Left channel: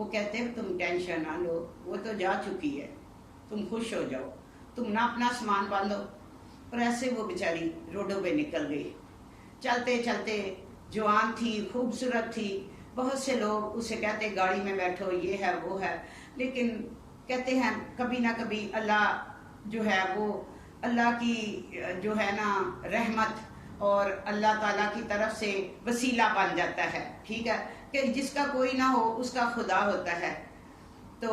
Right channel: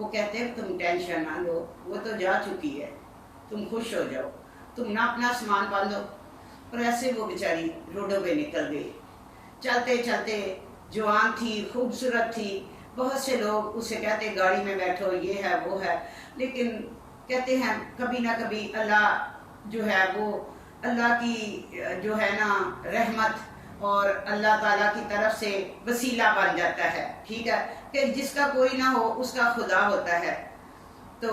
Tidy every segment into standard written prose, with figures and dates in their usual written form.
وہ کہتے ہیں تم ٹینشن نہ لو، وہ تو جا چکی ہے، تم خوش ہو جاؤ، تم نہ اپنا سامان باندھو۔ اور ایسے وہ بیچاری روڈوں پہ نکل گئی، چلتے چلتے، جوان تھی، خوبصورت تھی، بہت سے لوگ اسے کہتے گاڑی میں بیٹھو، یہ ہے وہ ہے، لیکن کہتے ہیں کبھی نہ کبھی اللہ جو ہے وہ اللہ کی جو ہے نا رحمت اور اللہ تعالیٰ کی طرف سے وسیلہ بن جاتا ہے، ٹھیک ہے، کہ جس کا کوئی نہ ہو اس کا خدا ہوتا ہے۔ تو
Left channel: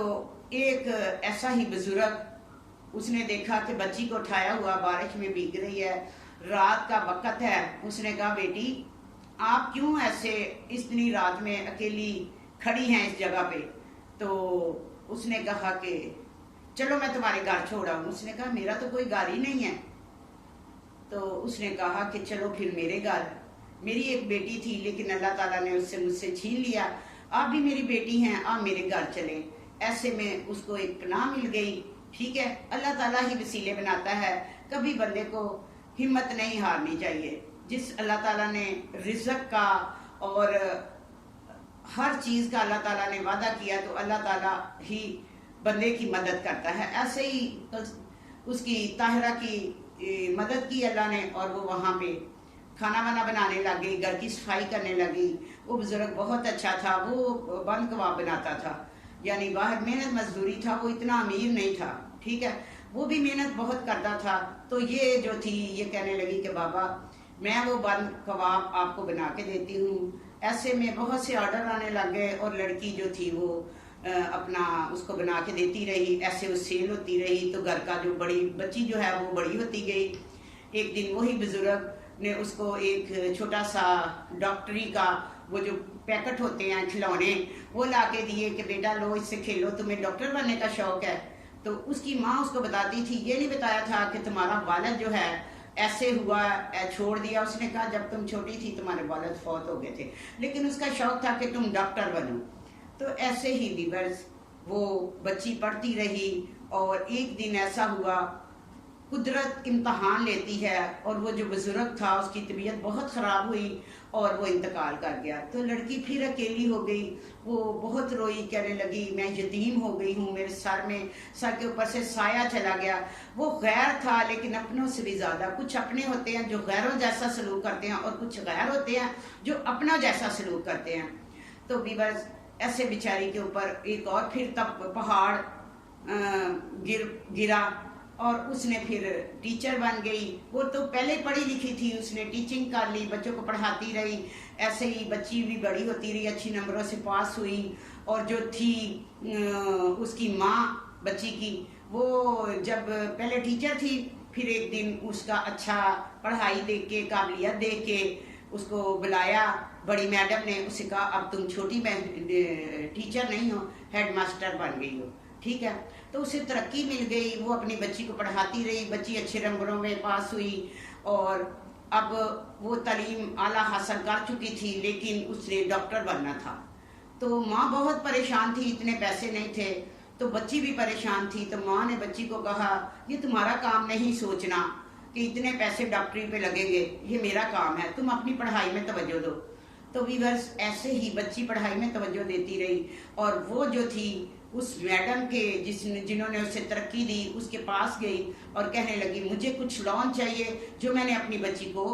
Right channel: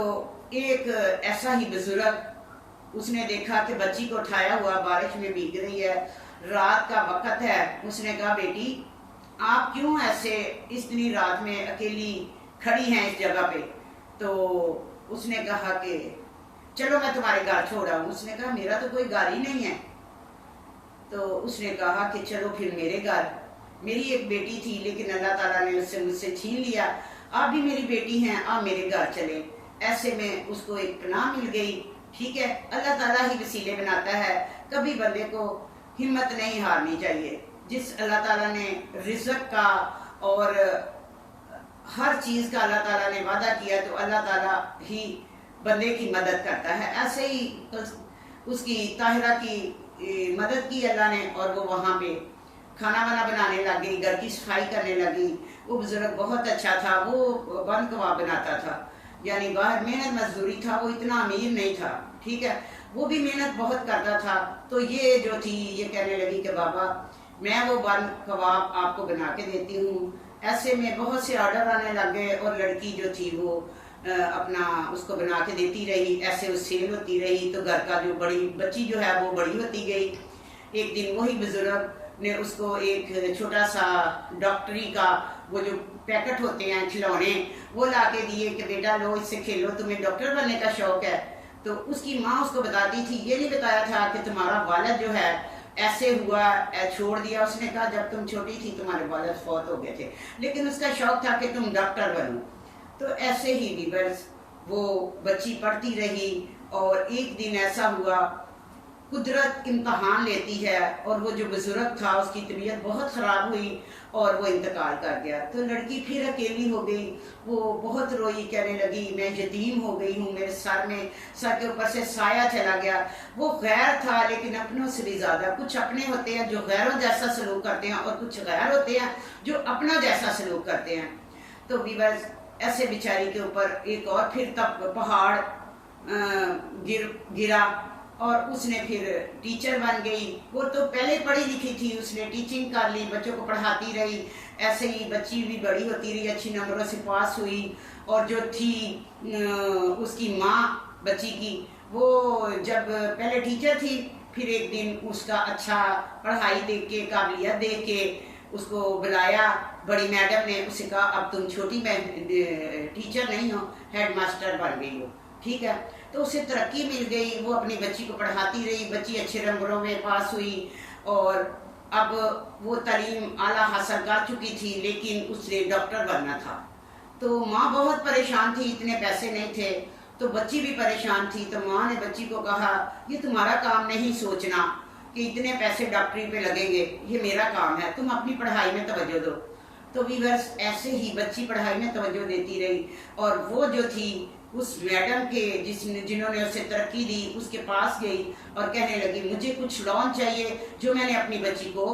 ایک ایسا ہی بزرگ، اس نے دیکھا کہ بچی کو اٹھایا ہوا بارش میں بھیگ رہی ہے، رات کا وقت ہے، اس نے کہا بیٹی آپ کیوں ایسے اتنی رات میں اکیلی کھڑی ہیں اس جگہ پہ؟ تو اس نے کہا کہ چلو میں تمہارے گھر چھوڑ آؤں۔ اس نے کہا میرا تو کوئی گھر ہی نہیں ہے۔ تو اس نے کہا کہ چلو پھر میرے گھر، میری ایک بیٹی تھی لیکن اللہ تعالیٰ نے اس سے مجھ سے چھین لیا، آپ بھی میری بیٹی ہیں، آپ میرے گھر چلے۔ ایسے میں اس کو ایک پناہ مل گئی، ٹھیک ہے، اللہ تعالیٰ ہی وسیلے بناتا ہے، کبھی بندے کو ہمت نہیں ہارنی چاہیے۔ جس اللہ تعالیٰ نے رزق کا اور ہر چیز کا اللہ تعالیٰ نے وعدہ کیا تو اللہ تعالیٰ ہی بندے کی مدد کرتا ہے۔ ایسے ہی اس کی طاہرہ کی مدد کی اللہ نے، اور وہ وہاں پہ کھانا وانا بنانے لگ گئی، گھر کی صفائی کرنے لگ گئی۔ وہ بزرگ بہت اچھا تھا، وہ بند کباب بناتا تھا، یعنی باہر محنت مزدوری تھا، وہ اتنا امیر نہیں تھا، ٹھیک ہے، وہ بھی محنت بہت کرتا تھا۔ تو یہ جو تھی یہ کہنے لگی کہ بابا میں وہ بند کباب آپ کو بنا کے دیتی ہوں۔ ایسے میں بہت سے آرڈر آنے لگ گئے، اور لڑکی جو تھی وہ اپنا اس کو بنا کے دیتی رہی، ایسے وہ سیل ہوتی رہی، تو گھر کا جو بڑی بچی جو ہے وہ بڑی ہوتی گئی۔ ایک دن وہی بزرگ نے اس کو ایک چھوٹا سا ڈاکٹری کا وہ جو پیکٹ ہوتے ہیں کھلونے وہ لا کے دیے کہ بیٹا لو اس سے کھیلو، تمہیں ڈاکٹر بننے کا شوق ہے۔ تو اس کی ماں اس کو بتاتی تھی، یہ نہیں بتایا تھا کہ تمہارا والد جو ہے ایسے ہوا چھوڑ دیا۔ اس نے کہا جب تم چھوٹی تھی تمہارے والد فوت ہو گئے تھے، لیکن اس کا شوق تھا کہ تم ڈاکٹر بنو۔ تو ایسے ہی ویورز وہ بچی پڑھتی رہی، اور ایک دن ایسا ہوا قدرت امتحان لیتی ہے، اور وہ جو بزرگ تھا اس کی طبیعت بہت خراب ہوئی اور وہ انتقال کر گیا۔ تو لڑکی پھر اکیلی ہو گئی، وہ بہت روئی، کہنے لگی میں یتیم ہو گئی ہوں، میرے سر کے اوپر سے سایہ چلا گیا۔ وہ غیر تھا لیکن اپنوں سے بھی زیادہ، کچھ اپنے ہوتے ہیں جو غیروں جیسا سلوک کرتے ہیں، اور کچھ غیر ہوتے ہیں جو اپنا جیسا سلوک کرتے ہیں۔ تو ویورز ایسے بیچاری کے اوپر ایک اور پھر تب پہاڑ گرا، اور اس نے پھر ٹیچر بن گئی۔ وہ تو پہلے پڑھی لکھی تھی، اس نے ٹیچنگ کر لی، بچوں کو پڑھاتی رہی، ایسے ہی بچی بھی بڑی ہوتی رہی، اچھی نمبروں سے پاس ہوئی۔ اور جو تھی اس کی ماں بچی کی، وہ جب پہلے ٹیچر تھی، پھر ایک دن اس کا اچھا پڑھائی دیکھ کے، قابلیت دیکھ کے اس کو بلایا بڑی میڈم نے، اسے کہا اب تم چھوٹی ٹیچر نہیں ہو، ہیڈ ماسٹر بن گئی ہو، ٹھیک ہے۔ تو اسے ترقی مل گئی، وہ اپنی بچی کو پڑھاتی رہی، بچی اچھے نمبروں میں پاس ہوئی، اور اب وہ تعلیم اعلیٰ حاصل کر چکی تھی، لیکن اس نے ڈاکٹر بننا تھا۔ تو ماں بہت پریشان تھی، اتنے پیسے نہیں تھے، تو بچی بھی پریشان تھی۔ تو ماں نے بچی کو کہا یہ تمہارا کام نہیں سوچنا کہ اتنے پیسے ڈاکٹری پہ لگیں گے، یہ میرا کام ہے، تم اپنی پڑھائی میں توجہ دو۔ تو ویورز ایسے ہی بچی پڑھائی میں توجہ دیتی رہی، اور وہ جو تھی اس میڈم کے جنہوں نے اسے ترقی دی اس کے پاس گئی اور کہنے لگی مجھے کچھ لون چاہیے جو میں نے اپنی بچی کو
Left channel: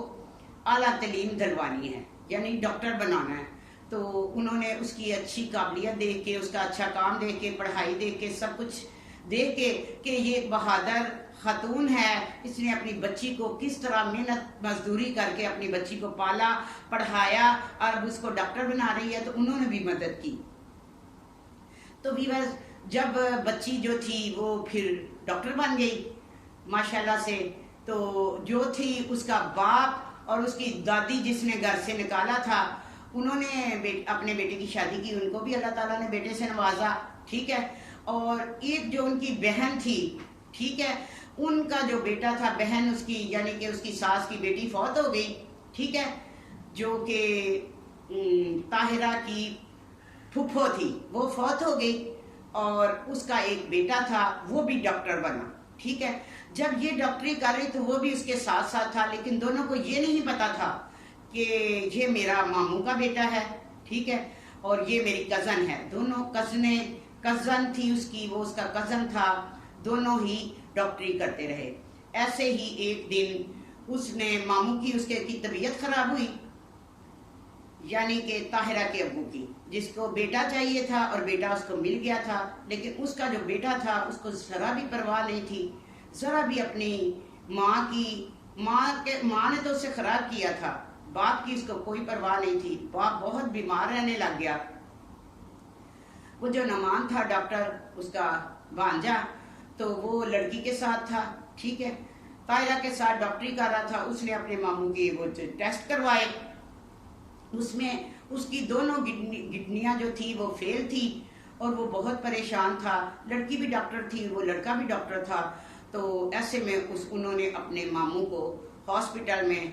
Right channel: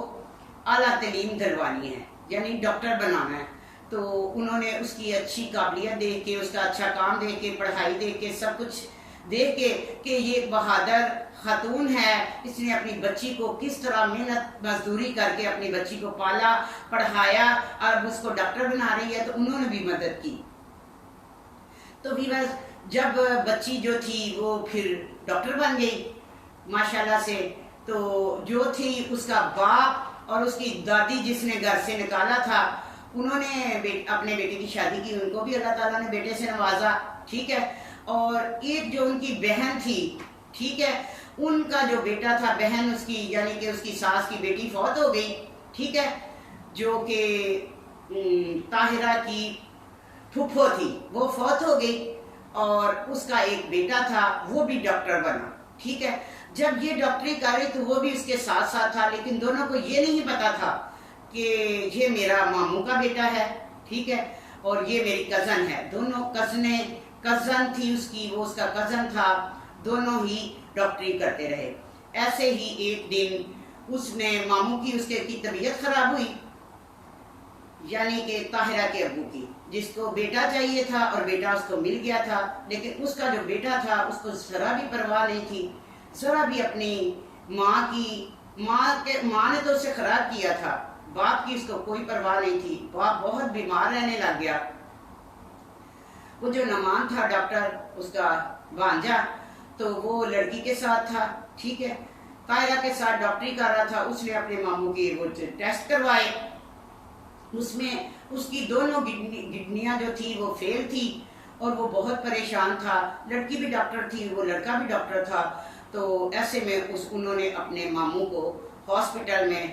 اعلیٰ تعلیم دلوانی ہے، یعنی ڈاکٹر بنانا ہے۔ تو انہوں نے اس کی اچھی قابلیت دیکھ کے، اس کا اچھا کام دیکھ کے، پڑھائی دیکھ کے، سب کچھ دیکھ کے کہ یہ ایک بہادر خاتون ہے، اس نے اپنی بچی کو کس طرح محنت مزدوری کر کے اپنی بچی کو پالا، پڑھایا، اور اس کو ڈاکٹر بنا رہی ہے، تو انہوں نے بھی مدد کی۔ تو ویورز جب بچی جو تھی وہ پھر ڈاکٹر بن گئی ماشاءاللہ سے، تو جو تھی اس کا باپ اور اس کی دادی جس نے گھر سے نکالا تھا، انہوں نے اپنے بیٹے کی شادی کی، ان کو بھی اللہ تعالیٰ نے بیٹے سے نوازا، ٹھیک ہے۔ اور ایک جو ان کی بہن تھی، ٹھیک ہے، ان کا جو بیٹا تھا، بہن اس کی یعنی کہ اس کی ساس کی بیٹی فوت ہو گئی، ٹھیک ہے، جو کہ طاہرہ کی پھپھو تھی، وہ فوت ہو گئی، اور اس کا ایک بیٹا تھا وہ بھی ڈاکٹر بنا، ٹھیک ہے۔ جب یہ ڈاکٹری کر رہی تو وہ بھی اس کے ساتھ ساتھ تھا، لیکن دونوں کو یہ نہیں پتا تھا کہ یہ میرا ماموں کا بیٹا ہے، ٹھیک ہے۔ اور یہ میری کزن ہے. دونوں کزن تھی اس کی، وہ اس کا کزن تھا، دونوں ہی ڈاکٹری کرتے رہے. ایسے ہی ایک دن اس نے ماموں کی اس کی طبیعت خراب ہوئی، یعنی کہ طاہرہ کے ابو کی، جس کو بیٹا چاہیے تھا اور بیٹا اس کو مل گیا تھا، لیکن اس کا جو بیٹا تھا اس کو ذرا بھی پرواہ نہیں تھی، ذرا بھی اپنی ماں نے تو اسے خراب کیا تھا، باپ کی اس کو کوئی پرواہ نہیں تھی. باپ بہت بیمار رہنے لگ گیا. وہ جو نعمان تھا ڈاکٹر، اس کا بھانجا، تو وہ لڑکی کے ساتھ تھا، ٹھیک ہے، طاہرہ کے ساتھ ڈاکٹری کر رہا تھا. اس نے اپنے ماموں کے وہ ٹیسٹ کروائے، اس میں اس کی دونوں کڈنیاں جو تھی وہ فیل تھی اور وہ بہت پریشان تھا. لڑکی بھی ڈاکٹر تھی، وہ لڑکا بھی ڈاکٹر تھا. تو ایسے میں انہوں نے اپنے ماموں کو ہاسپٹل میں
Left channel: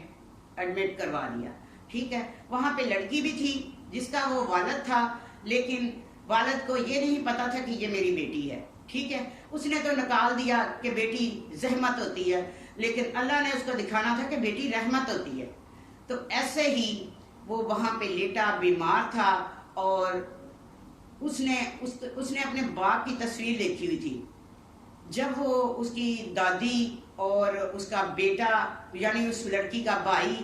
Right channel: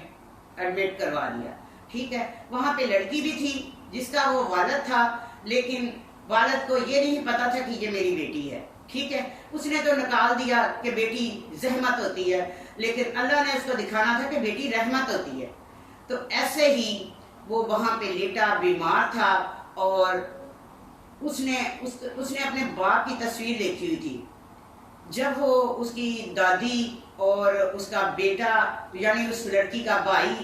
ایڈمٹ کروا دیا، ٹھیک ہے. وہاں پہ لڑکی بھی تھی جس کا وہ والد تھا، لیکن والد کو یہ نہیں پتا تھا کہ یہ میری بیٹی ہے، ٹھیک ہے. اس نے تو نکال دیا کہ بیٹی زحمت ہوتی ہے، لیکن اللہ نے اس کو دکھانا تھا کہ بیٹی رحمت ہوتی ہے. تو ایسے ہی وہ وہاں پہ لیٹا بیمار تھا، اور اس نے اپنے باپ کی تصویر دیکھی ہوئی تھی. جب وہ اس کی دادی اور اس کا بیٹا، یعنی اس لڑکی کا بھائی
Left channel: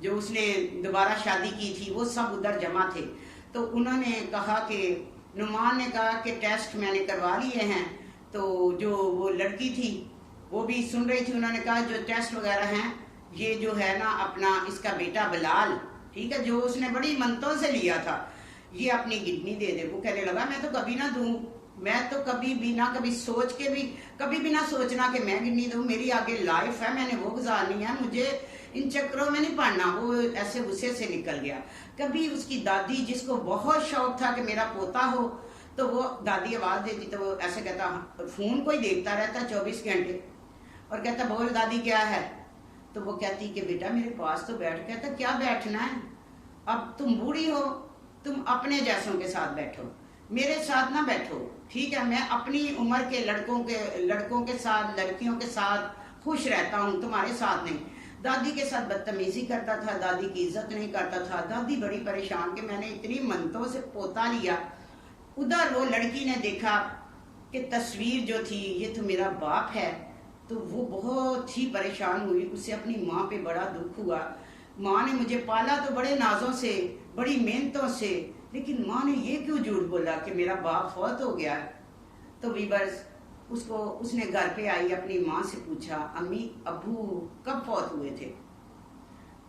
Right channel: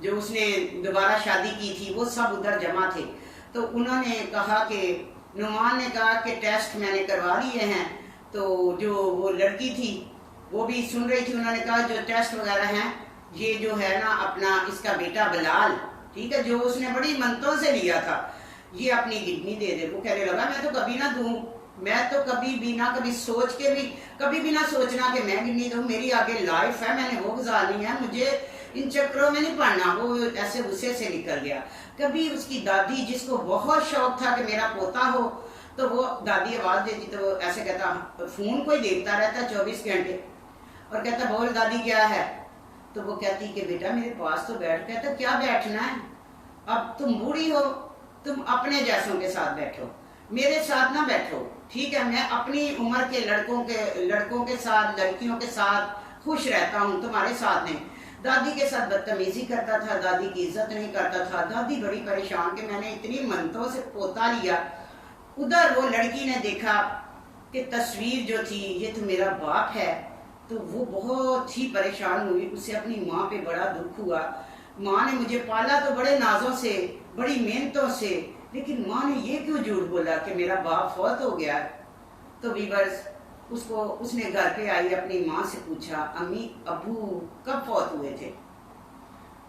جو اس نے دوبارہ شادی کی تھی، وہ سب ادھر جمع تھے. تو انہوں نے کہا کہ نعمان نے کہا کہ ٹیسٹ میں نے کروا لیے ہیں. تو جو وہ لڑکی تھی وہ بھی سن رہی تھی. انہوں نے کہا جو ٹیسٹ وغیرہ ہیں یہ جو ہے نا اپنا اس کا بیٹا بلال، ٹھیک ہے، جو اس نے بڑی منتوں سے لیا تھا، یہ اپنی کڈنی دے دے. وہ کہنے لگا میں تو کبھی نہ دوں، میں تو کبھی بھی نہ کبھی سوچ کے بھی کبھی بھی نہ سوچنا کہ میں کڈنی دوں، میری آگے لائف ہے، میں نے وہ گزارنی ہے، مجھے ان چکروں میں نہیں پڑنا. وہ ایسے غصے سے نکل گیا. کبھی اس کی دادی، جس کو بہت شوق تھا کہ میرا پوتا ہو، تو وہ دادی آواز دیتی تو وہ ایسے کہتا، فون کوئی دیکھتا رہتا 24 گھنٹے، اور کہتا بول دادی کیا ہے. تو وہ کہتی کہ بیٹا میرے پاس تو بیٹھ. کہتا کیا بیٹھنا ہے، اب تم بوڑھی ہو، تم اپنے جیسوں کے ساتھ بیٹھو، میرے ساتھ نہ بیٹھو، ٹھیک ہے. میں اپنی عمر کے لڑکوں کے ساتھ، لڑکیوں کے ساتھ خوش رہتا ہوں، تمہارے ساتھ نہیں. دادی کے ساتھ بدتمیزی کرتا تھا، دادی کی عزت نہیں کرتا تھا. دادی بڑی پریشان کہ میں نے اتنی منتوں سے پوتا لیا. ادھر وہ لڑکی نے دیکھا کہ تصویر جو تھی یہ تو میرا باپ ہے، تو وہ بہت ہی پریشان ہوئی. اسے اپنی ماں پہ بڑا دکھ ہوا. ماں نے مجھے پالا تو بڑے نازوں سے، بڑی محنتوں سے، لیکن ماں نے یہ کیوں جھوٹ بولا کہ میرا باپ فوت ہو گیا. تو ویورز اس نے گھر پہ آئی، اپنی ماں سے پوچھا امی ابو کب فوت ہوئے تھے.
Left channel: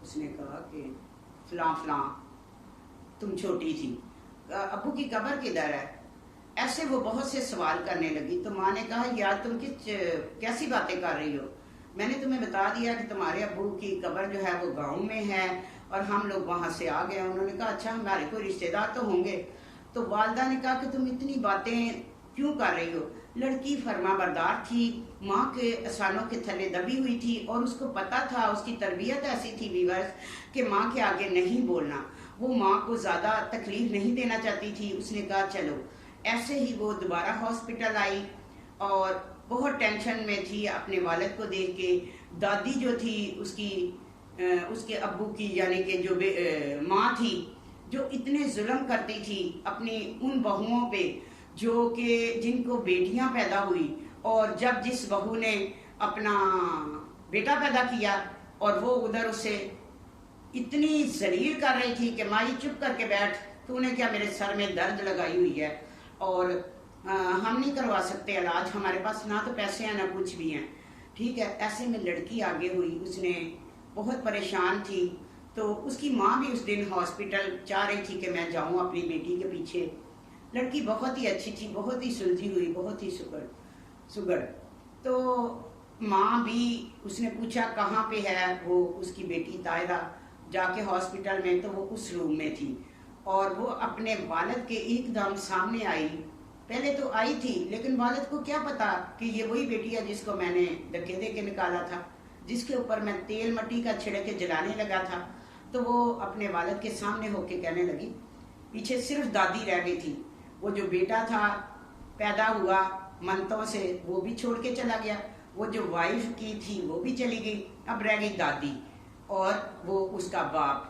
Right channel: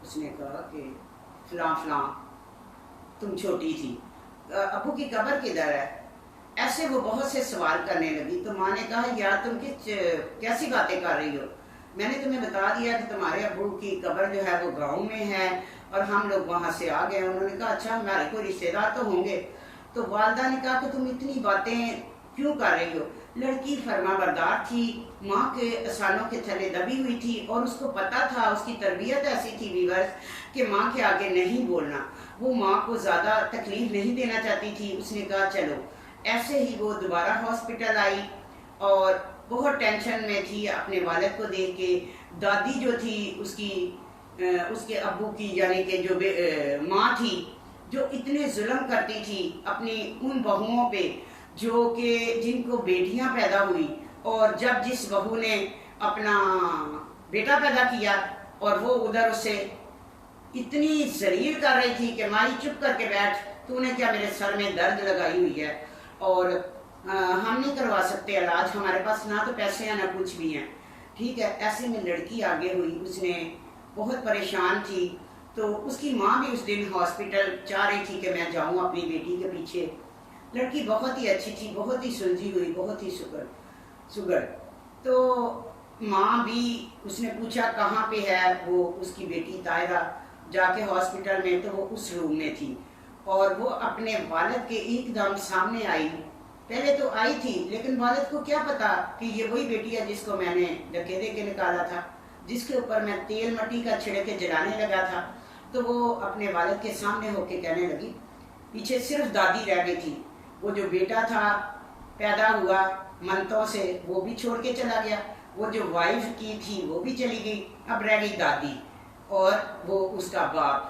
اس نے کہا کہ فلاں فلاں، تم چھوٹی تھی. ابو کی قبر کدھر ہے. ایسے وہ بہت سے سوال کرنے لگی. تو ماں نے کہا یار تم کیسی باتیں کر رہی ہو، میں نے تمہیں بتا دیا کہ تمہارے ابو کی قبر جو ہے وہ گاؤں میں ہے اور ہم لوگ وہاں سے آ گئے. انہوں نے کہا اچھا ہمارے کوئی رشتے دار تو ہوں گے. تو والدہ نے کہا کہ تم اتنی باتیں کیوں کر رہی ہو. لڑکی فرما بردار تھی، ماں کے احسانوں کے تھلے دبی ہوئی تھی، اور اس کو پتا تھا، اس کی تربیت ایسی تھی ویورز کہ ماں کے آگے نہیں بولنا. وہ ماں کو زیادہ تکلیف نہیں دینا چاہتی تھی. اس نے کہا چلو. ایسے ہی وہ دوبارہ ہاسپٹل آئی اور بہت ٹینشن میں تھی اپنے والد کو دیکھ کے. دادی جو تھی اس کے ابو کی، یعنی کہ جو ماں تھی، جو اتنے ظلم کرتی تھی اپنی ان بہوؤں پہ جو کہ جن کو بیٹیاں پیدا ہوئی، اور جب جس بہو نے اپنا بیٹا پیدا کیا اور وہ ادھر اسے اتنی ذلیل کر رہی تھی کہ مائی چپ کر کے بیٹھ، تو نے کیا میرے سر میں درد لگائی ہوئی ہے اور ہم نہیں کروا سکتے علاج، ہمارے پاس نہ تو پیسے ہیں نہ کچھ بھی ہیں، ٹھیک ہے. ایسے میں لڑکی آگے ہوئی، اس نے بہت پریشان تھی. تو اس کی ماں بھی اس دن ہاسپٹل چاہ رہی تھی کہ میں جاؤں اپنی بیٹی کے پیچھے. لڑکی بہت ہی اچھی تھی، بہت ہی سلجھی ہوئی، بہت ہی سگڑ. تو ماں بھی، اس نے پوچھا کہاں پہ ہے وہ اس کی بیٹی طاہرہ. جا کے ہاسپٹل میں تو وہ اس روم میں تھی، اور وہ اپنے والد کے ایک دم سامنے آئی. پہلے تو آئی تھی لیکن والد کو کیا پتا کہ یہ وہی بیٹی ہے جس کو میں نے ڈھکے دے کے نکالا تھا، جس کے اوپر میں تیل مٹی کا چھڑک کے جلانے لگا تھا. تو وہ اپنے والد کے سامنے ہو کے کہنے لگی، پیچھے صرف دادی رہ گئی تھی، وہ جو بیٹا تھا پیدا ہوا منتوں سے وہ بھی چھوڑ کے چلا گیا، وہ جو وائف کی تھی وہ بھی چلی گئی، اب رہ گئی دادی اور وہ اس کا باپ.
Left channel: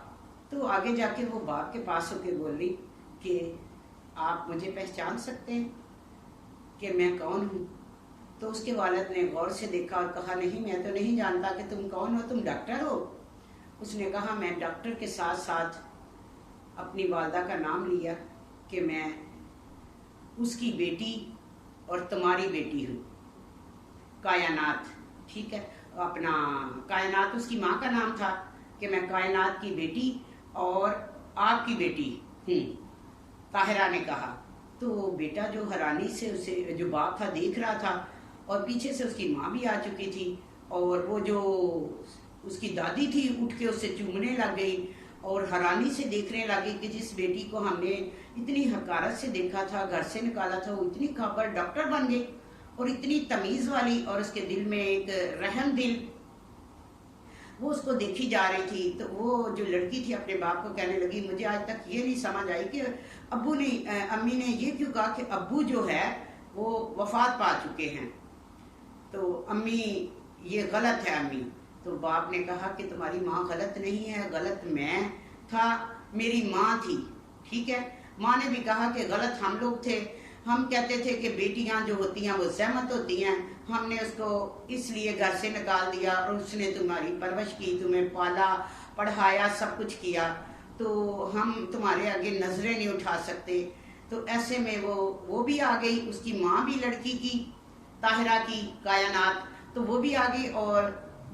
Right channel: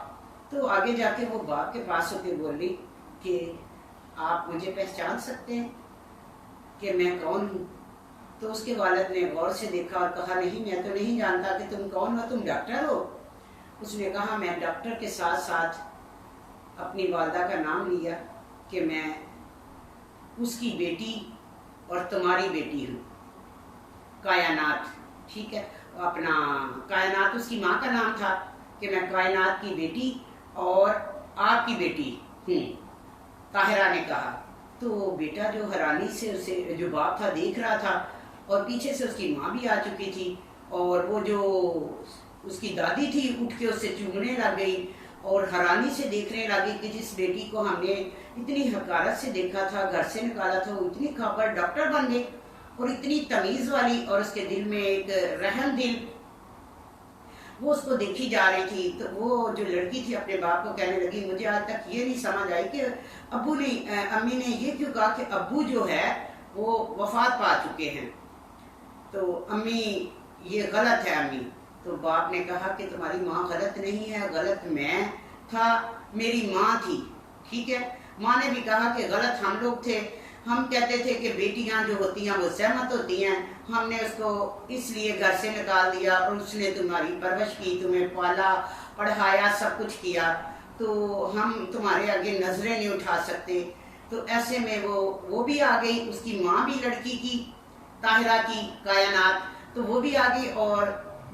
تو آگے جا کے وہ باپ کے پاس ہو کے بول رہی کہ آپ مجھے پہچان سکتے ہیں کہ میں کون ہوں؟ تو اس کے والد نے غور سے دیکھا اور کہا نہیں، میں تو نہیں جانتا کہ تم کون ہو، تم ڈاکٹر ہو؟ اس نے کہا میں ڈاکٹر کے ساتھ ساتھ اپنی والدہ کا نام لیا کہ میں اس کی بیٹی اور تمہاری بیٹی ہوں، کائنات، ٹھیک ہے، اپنا کائنات اس کی ماں کا نام تھا کہ میں کائنات کی بیٹی اور آپ کی بیٹی ہوں، طاہرہ نے کہا۔ تو بیٹا جو حیرانی سے اسے، جو باپ تھا دیکھ رہا تھا، اور پیچھے سے اس کی ماں بھی آ چکی تھی، اور وہ جو اس کی دادی تھی اٹھ کے اسے چومنے لگ گئی اور حیرانی سے دیکھنے لگی کہ جس بیٹی کو ہم نے اتنی حقارت سے دیکھا تھا، گھر سے نکالا تھا، وہ اتنی کھاپڑ ڈاکٹر بن گئی اور اتنی تمیز والی، اور اس کے دل میں ایک رحم دل، وہ اس کو دیکھی جا رہی تھی۔ تو وہ جو لڑکی تھی اپنے باپ کو کہنے لگی مجھے آج تک یہ نہیں سمجھ آئی کہ ابو نے، امی نے یہ کیوں کہا کہ ابو جو ہے وہ وفات پا چکے ہیں، تو امی یہ غلط ہے امی۔ تو باپ نے کہا کہ تمہاری ماں غلط نہیں ہے، غلط میں تھا، میری ماں تھی، ٹھیک ہے۔ ماں نے بھی کہا کہ غلط ہم لوگ تھے، ہم کہتے تھے کہ بیٹیاں جو ہوتی ہیں وہ زحمت ہوتی ہیں، ہم نے اس کو اس لیے گھر سے نکال دیا اور اس نے تمہاری پرورش کی، تمہیں پالا پڑھایا، سب کچھ کیا، تو ہم تمہارے آگے نظریں نہیں اٹھا سکتے۔ تو ایسے میں وہ بھی آ گئی، اس کی ماں بھی لڑکی کی، طاہرہ کی، کائنات، تو وہ بھی آ گئی، اور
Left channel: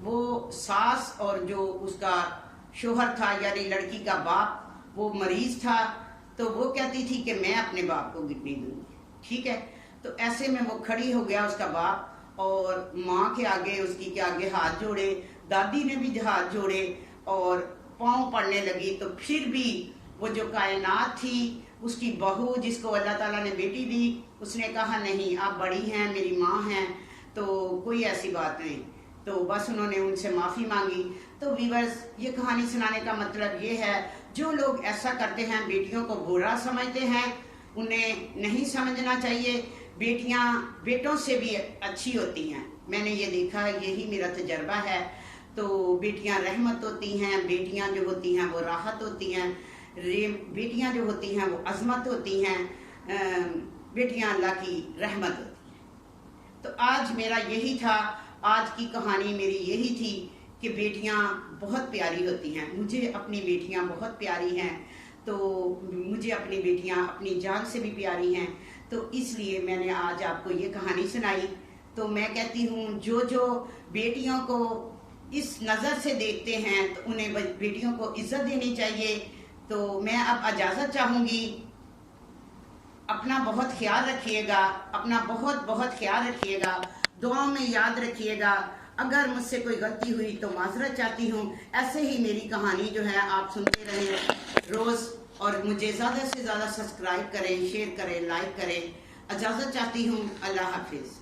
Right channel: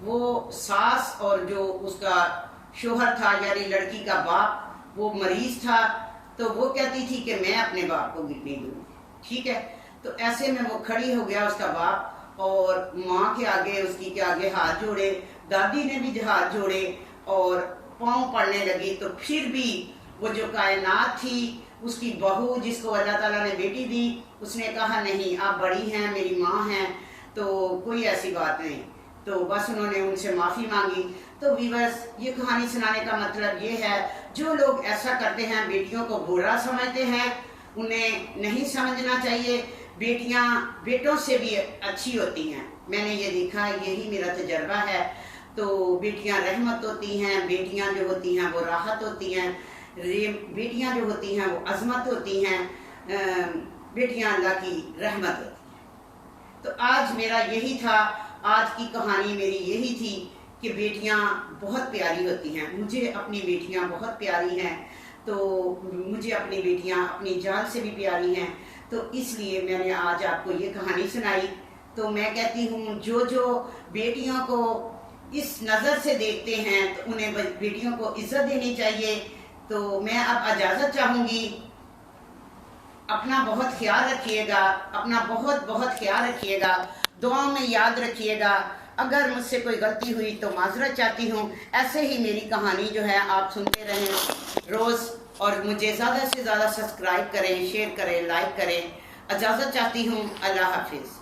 وہ ساس اور جو اس کا شوہر تھا یعنی لڑکی کا باپ وہ مریض تھا، تو وہ کہتی تھی کہ میں اپنے باپ کو گٹنی دوں، ٹھیک ہے۔ تو ایسے میں وہ کھڑی ہو گیا اس کا باپ، اور ماں کے آگے، اس کی کے آگے ہاتھ جوڑے، دادی نے بھی ہاتھ جوڑے اور پاؤں پڑنے لگی۔ تو پھر بھی وہ جو کائنات تھی، اس کی بہو جس کو اللہ تعالیٰ نے بیٹی دی، اس نے کہا نہیں آپ بڑی ہیں، میری ماں ہیں، تو کوئی ایسی بات نہیں، تو بس انہوں نے ان سے معافی مانگی۔ تو ویورز، یہ کہانی سنانے کا مطلب یہ ہے، جو لوگ ایسا کرتے ہیں، بیٹیوں کو برا سمجھتے ہیں، انہیں نہیں سمجھنا چاہیے، بیٹیاں بیٹوں سے بھی اچھی ہوتی ہیں، میں نے یہ دیکھا، یہی میرا تجربہ ہے۔ تو بیٹیاں رحمت ہوتی ہیں، بیٹیاں جو ہوتی ہیں وہ راحت ہوتی ہیں، بیٹیاں جو ہوتی ہیں وہ عظمت ہوتی ہیں، بیٹیاں اللہ کی رحمت ہوتی ہیں۔ تو آج میرا یہی تھا، آج کی کہانی میری یہی تھی کہ بیٹیاں بہت پیاری ہوتی ہیں، مجھے اپنی بیٹیاں بہت پیاری ہیں، تو مجھے اپنی بیٹیاں اپنی جان سے بھی پیاری ہیں، تو اس لیے میں نے آج آپ کو یہ کہانی سنائی۔ تو میں کہتی ہوں جو بیٹیوں کو اس نظر سے دیکھتے ہیں تو انہیں بیٹیوں کو عزت دینی چاہیے۔ تو میں اب اجازت چاہوں گی، اپنا بہت خیال رکھیے گا، اپنا بہت بہت خیال رکھیے گا، دعاؤں میں یاد رکھیے گا۔ اگر مجھ سے کوئی غلطی ہوئی تو معذرت چاہتی ہوں، ایسے ہی میری کہانی جو ہے آپ سنتے رہیں روز، اور مجھے زیادہ سے زیادہ سبسکرائب کریں، شیئر کریں، لائک کریں۔ اجازت چاہتی ہوں، اللہ حافظ۔